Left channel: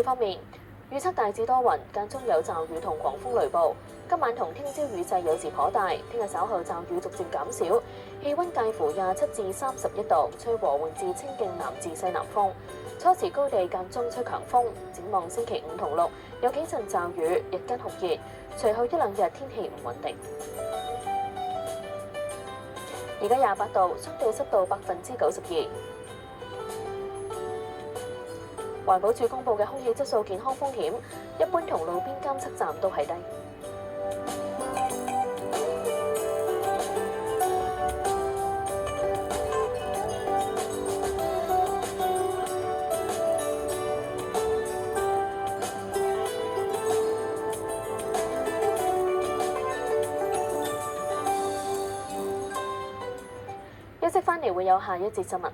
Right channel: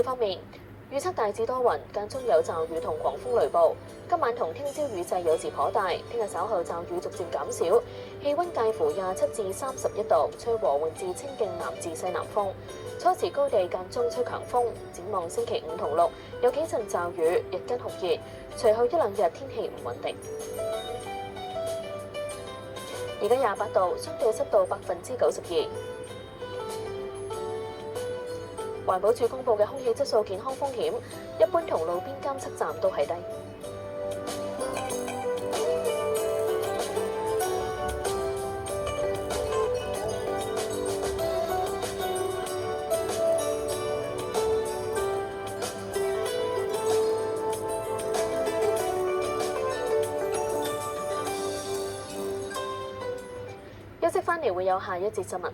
氣方面，預測大致多雲，間中有驟雨同狂風雷暴。今晚同聽朝雨勢有時頗大，聽日稍後驟雨逐漸減少，氣温介乎27至31度，吹和緩至清勁南至西南風。初時高地間中吹強風。展望星期5同6有幾陣驟雨，日間酷熱，隨後一兩日天氣唔穩定。而家28度，相對濕度92%。環保署公布嘅空氣質素健康風險，一般同路邊監測站都係低。休息返嚟會有下一節新聞。